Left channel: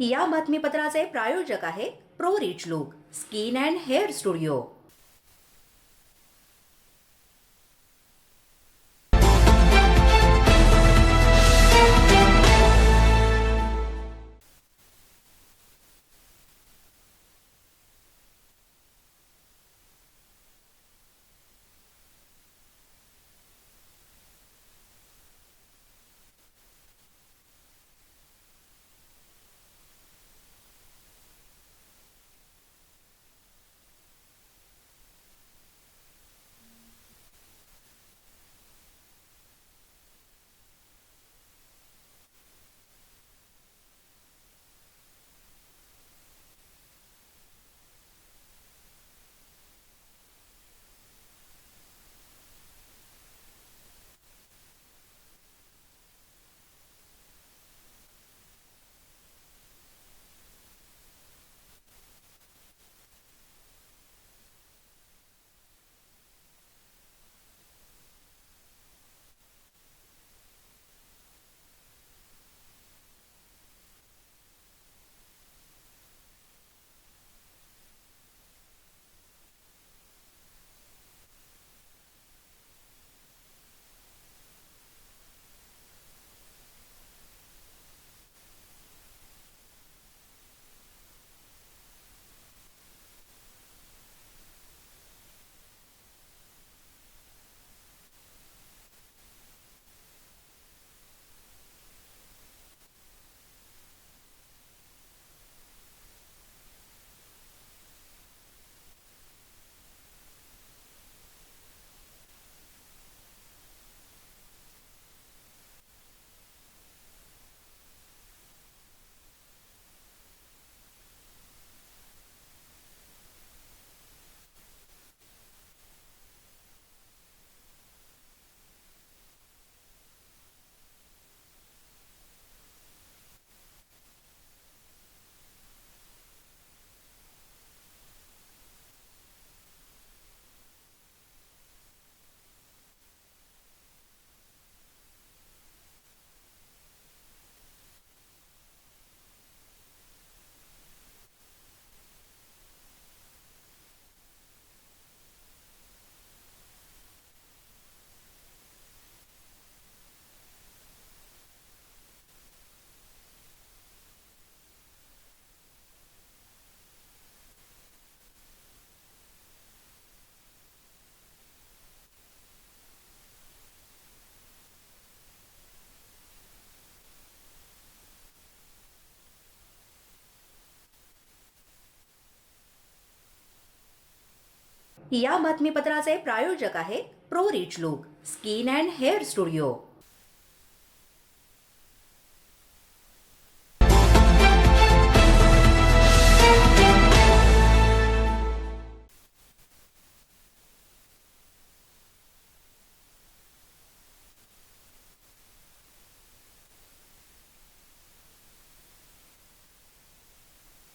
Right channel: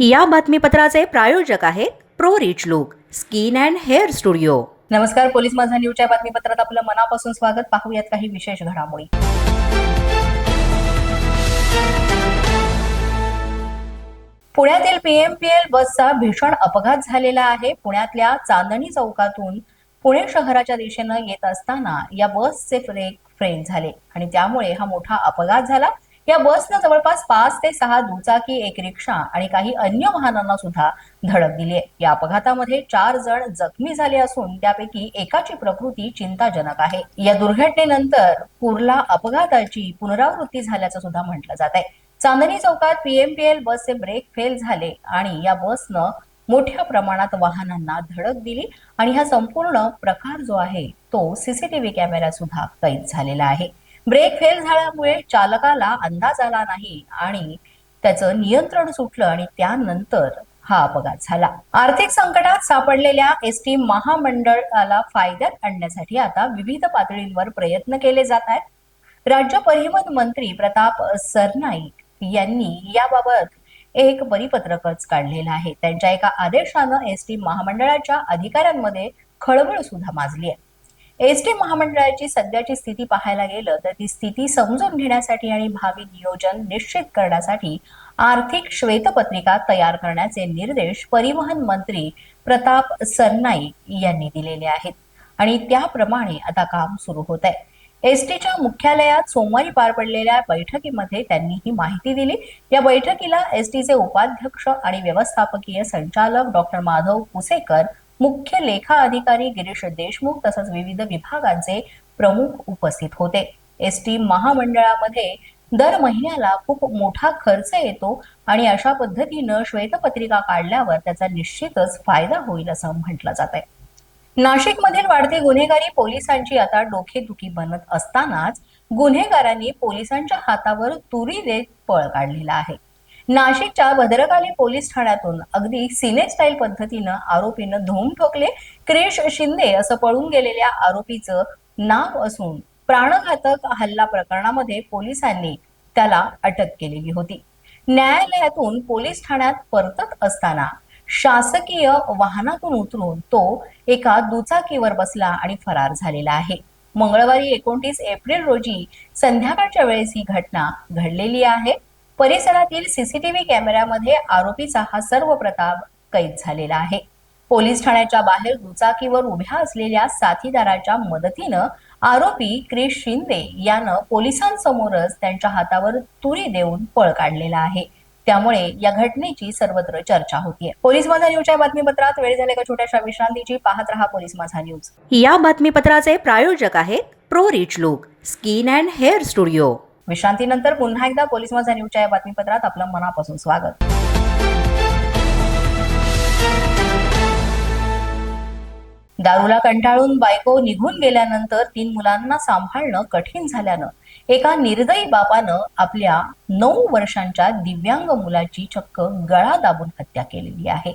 या बातमीपत्राचे प्रायोजक आहेत pro rich look skin and hair studio. नमस्कार पोलीस माझा न्यूजच्या बातमीपत्रात आपलं मनापासून स्वागत. पाहूयात काही विशेष घडामोडी. पुण्यातील पीएमपीएल बसचा भीषण अपघात झालेला आहे. पुण्यातल्या चांदणी चौकातून पुणे शहराच्या दिशेनं येत असताना या बसचे ब्रेक फेल झाले आणि त्यामुळे हा मोठा अपघात झाला. या बसनं जवळपास पाच ते सहा दुचाकी एक रिक्षा आणि काही अन्य वाहनांना सुद्धा धडक दिली आहे. या अपघातामध्ये चार जण जखमी झाले असून त्यापैकी एकाची प्रकृती चिंताजनक आहे. या दुर्घटनेनंतर कुर्ला अपघाताची पुनरावृत्ती झाल्याचं सुद्धा म्हटलं जात आहे. चांदणी चौकात पीएमपीएल बसचे ब्रेक फेल झाले आणि या बसनं मोठ्या प्रमाणात वाहनांना धडक दिली आणि हा संपूर्ण प्रकार जो आहे तो सीसीटीव्ही कॅमेऱ्यात सुद्धा कैद झालेला आहे. ब्रेक फेल झाल्यामुळे चालकाला अंदाज आला नाही आणि त्याचं नियंत्रण सुटलं आणि त्यानंतर हा अपघात झाला. आर्थिक संकटात सापडलेल्या एस टी महामंडळाला फायद्यात आणण्यासाठी आता विविध पातळींवर प्रयत्न केले जात आहेत. राज्य परिवहन मंत्री प्रताप सरनाईक यांनी याबाबत एक परिपत्रकच काढलेलं आहे. त्यांच्या एका आदेशानं एस टी महामंडळाच्या अधिकाऱ्यांमध्ये खळबळ सुद्धा माजली आहे. एस टी महामंडळाची सध्याची स्थिती पाहायला गेलं तर ती स्थिती समजून घेण्यासाठी आणि भावी नियोजन निश्चित करण्यासाठी आर्थिक श्वेतपत्रिका तयार करण्याचे निर्देश परिवहन मंत्री प्रताप सरनाईक यांनी दिलेले आहेत. आणि त्याप्रमाणे आता काम सुरू होत आहे. एसटीच्या मुख्यालयात सोमवारी पार पडलेल्या बैठकीमध्ये त्यांनी ही माहिती दिली. या बैठकीला एसटीचे उपाध्यक्ष आणि व्यवस्थापकीय संचालक डॉक्टर माधव कुसेकर मुख्य लेखा अधिकारी गिरीश देशमुख तसंच विविध विभागांचे प्रमुख उपस्थित होते. एस टी महामंडळामध्ये दर महिन्याला खूप मोठा खर्च येतो आणि अशा पद्धतीनं श्वेतपत्रिका काढल्यावर त्याचा निश्चितच फायदा होईल असं म्हटलं जात आहे नाशिकमधील वाढती गुन्हेगारी पोलिसांची आता डोकेदुखी बनत असतानाच गुन्हेगारांनी पोलिसांच्या हातावर तुरी देत पळ काढलेला आहे. नाशिकच्या भद्रकाली पोलीस ठाण्यातून अगदी सिने स्टाईल पद्धतीनं आरोपीनं धूम ठोकले. क्रिश शिंदे असं पळून गेलेल्या आरोपीचं नाव असून प्राणघातक हल्ला प्रकरणामध्ये पोलिसांनी त्याला अटक केलेली होती. न्यायालयातून पोलीस ठाण्यात परतत असताना शासकीय वाहनातून उतरून तो एका दुचाकीवर बसला आणि फरार झालेला आहे. मंगळवारी एकोणतीस एप्रिल रोजी संध्याकाळच्या वेळेस ही घटना घडलेली आहे. परिसरातील सीसीटीव्ही कॅमेऱ्यामध्ये आरोपीचा हा सर्व प्रताप कैद झालेला आहे. पोलीस ठाण्याच्या बाहेर दुचाकीवर उभ्या असलेल्या साथीदाराच्या मदतीनं आरोपी क्रिश शिंदे यानं पोलिसांसमोरच त्यांच्या हातावर तुरी देऊन पळ काढलेला आहे. त्यामुळे या घटनेची सर्वत्र चर्चा होतीये. पोलीस माझा न्यूजच्या बातमीपत्रात वेळ झाले का छोट्याशा विश्रांतीची? पाहत रहा पोलीस माझा न्यूज. या बातमीपत्राचे प्रायोजक आहेत pro rich look skin and hair studio. विश्रांतीनंतर पुन्हा एकदा पोलीस माझा न्यूजच्या या बातमीपत्रात आपलं मनापासून स्वागत. दारूला कंटाळून बायको निघून गेल्यानंतर तीन मुलांना सांभाळणं कठीण झाल्यानं एका निर्दयी बापानं आपल्या नऊ वर्षांच्या दिव्यांग मुलाची चक्क गळा दाबून हत्या केलेली आहे.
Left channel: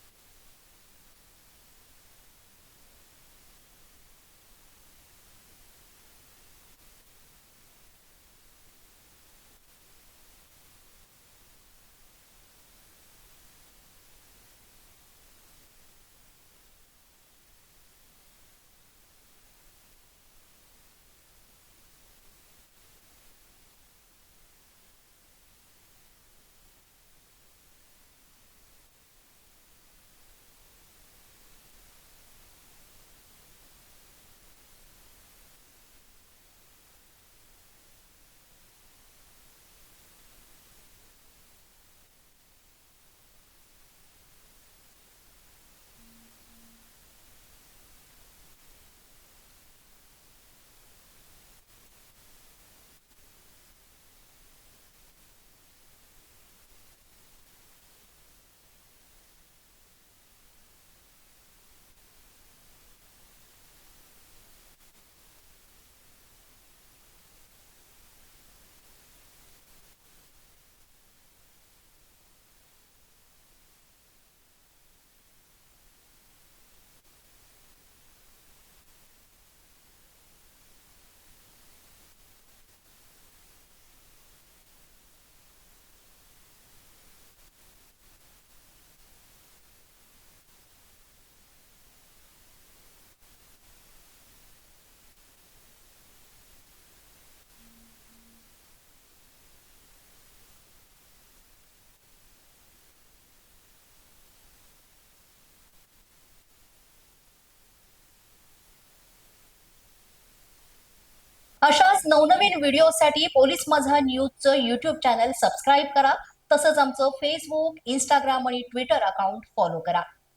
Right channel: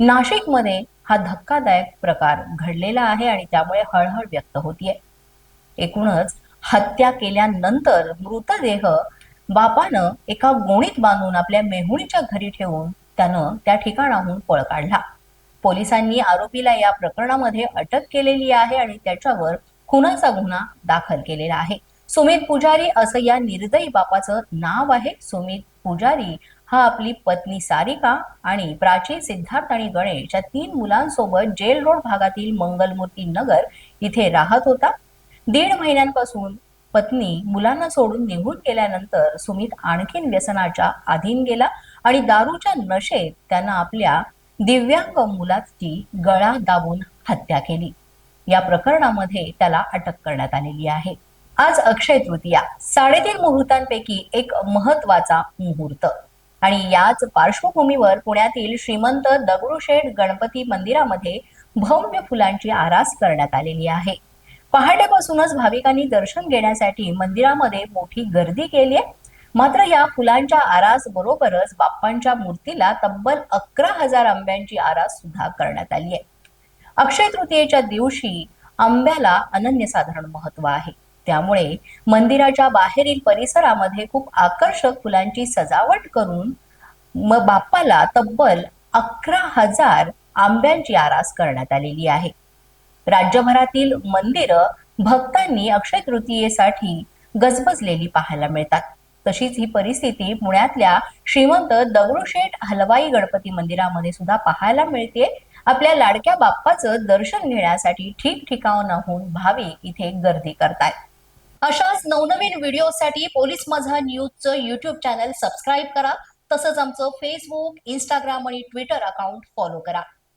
नाशिकमध्ये हा धक्कादायक प्रकार घडलेला आहे आणि त्यामुळे हळहळ व्यक्त होतीये. एकूणच हत्या केल्यानंतर मृतदेह बापानं एका गोणीत बांधून आपल्या मेहुणीच्या घरी ठेवून त्यानं त्या ठिकाणाहून पळ काढला. पोलिसांनी आरोपीला या प्रकरणामध्ये अटक केलेली आहे आणि त्याच्यावर खुनाचा गुन्हा दाखल केलेला आहे. सुमित पुजारी असं या निर्दयी बापाचं नाव आहे. सुमित पुजारी हा आपली पत्नी सारिका आणि प्राची सिद्धार्थ आणि गणेश या तीन मुलांसोबत जेल रोड भागातील मंगलमूर्ती नगर इथे राहत होता. दीड महिन्यांपासून पत्नी मुलांना सोडून निघून गेल्यानंतर सुमित आणखीन व्यसनाच्या अधीन गेला आणि दारूच्या नशेत त्यानं आपल्या दिव्यांग मुलाची गळा दाबून हत्या केली. या प्रकरणामध्ये त्याला अटक करण्यात आलेली आहे. आज अक्षय तृतीया साडेतीन मुहूर्तांपैकी एक महत्त्वाचा मुहूर्त. आणि याच पार्श्वभूमीवर पुण्यातील श्रीमंत दगडूशेठ गणपती मंदिरामध्ये भव्य फुलांची आरास करण्यात आलेली आहे. पहाटेपासूनच भाविकांनी दर्शन घेण्यासाठी मंदिरामध्ये मोठी गर्दी केली आहे. मात्र या फुलांच्या आरास बरोबरच बाप्पांच्या मूर्तीला तब्बल अकरा हजार आंब्यांची आरास सुद्धा करण्यात आली आहे. अक्षय तृतीयेच्या दिवशी आंब्याला अनन्यसाधारण महत्त्व आहे. त्यामुळे मंदिराच्या बाहेरील परिसरामध्ये खूप आकर्षक फुलांची सजावट करून बाप्पाला तब्बल अकरा हजार आंब्यांची आरास करण्यात आलेली आहे. राज्यभरातील मंदिरं भक्तांनी अक्षय तृतीयेसाठी गजबजलेली पाहायला मिळतात. तशीच ही परिस्थिती पुण्यातल्या श्रीमंत दगडूशेठ हलवाई गणपती मंदिरामध्ये सुद्धा पाहायला मिळते. आपल्या लाडक्या बाप्पाचं दर्शन घेण्यासाठी ठिकठिकाणाहून भाविक इथे गर्दी करतायत. अशाच नवनवीन व्हिडिओसाठी पोलीस माझा न्यूजचं युट्यूब चॅनल सबस्क्राईब करा. तसंच आमचं फेसबुक इंस्टाग्राम आणि ट्विटर अकाउंट फॉलो करा.